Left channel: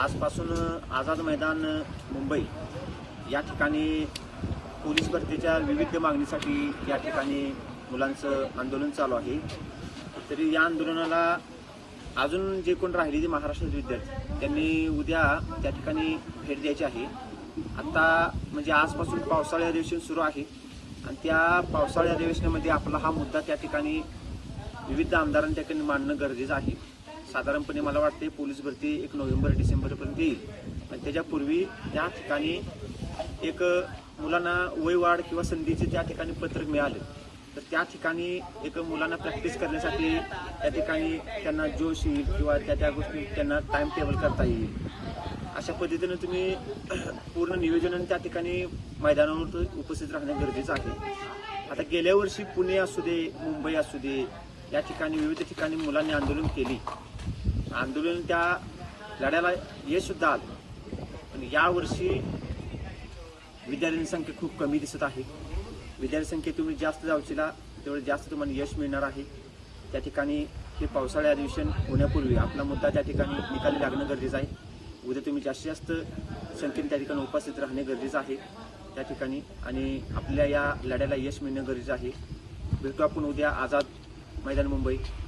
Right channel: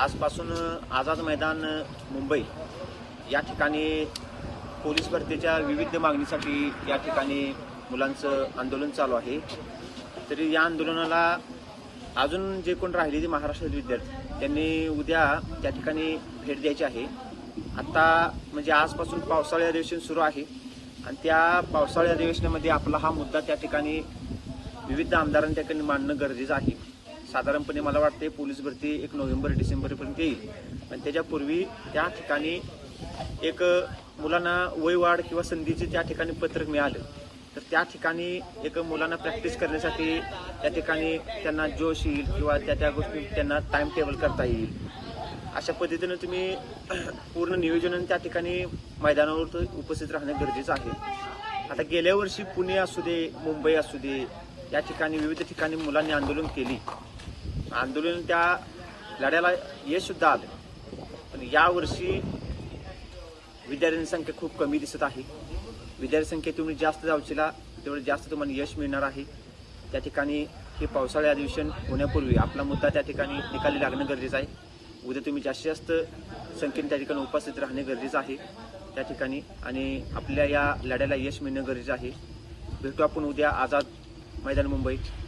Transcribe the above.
आजपासून आझाद मैदान मुंबई या ठिकाणी पोलीस भरतीच्या विविध मागणीसाठी या ठिकाणी मुलांचं आंदोलन चालू आहे. तरी या आंदोलनाला अजून जे कोण राहिलेले महाराष्ट्रातील विद्यार्थी त्यांनी उद्या त्या ठिकाणी भेट द्यायची आहे. आता म्हणजे आजपासून पावसाळी अधिवेशन सुरू आहे आणि त्या पावसाळी अधिवेशनामध्ये आपला हा मुद्दा त्या ठिकाणी विविध आमदारांनी त्या ठिकाणी मांडणं गरजेचं आहे. साधारणपणे मला वाटते पोलीस भरती 1 नोव्हेंबर-डिसेंबरपर्यंत येईल आणि त्याच्यापूर्वी त्या ठिकाणी एक मुलांना वयवाढ किंवा संधीचे त्या ठिकाणी पत्रक मिळालं तर त्या ठिकाणी एक मुलांना प्रॅक्टिस करण्यासाठी त्या ठिकाणी त्यांना जोश येईल किंवा त्या गोष्टी त्यांना टाइम टेबल करता येईल. अशा पद्धतीनं तुम्ही पूर्ण नियोजन त्या ठिकाणी मैदानावर उपस्थित राहणे गरजेचं आहे. आता गेल्या वर्षी पुणे असू दे, मुंबई असू दे, या ठिकाणी विविध ठिकाणी मुलांनी आंदोलन केली. आंदोलन त्या लढ्याला यश सुद्धा आलं. पण यावर्षी विद्यार्थ्यांची संख्या खूप कमी दिसत आहे. विद्यार्थी संख्या तेवढी जास्त जाऊचीला तेवढी जास्त तुम्हाला यश मिळणार आहे. त्या ठिकाणी हे पावसाळी अधिवेशन होण्यापूर्वी आपला मुद्दा त्या ठिकाणी निकाली लागणं गरजेचं आहे. उद्या तुम्ही जास्तीत जास्त संख्येने त्या ठिकाणी उपस्थित राहणे गरजेचं आहे त्या ठिकाणी आणि आपल्या या लढ्याला यश मिळणं गरजेचं आहे. भेटू आपण उद्या आझाद मैदान मुंबई.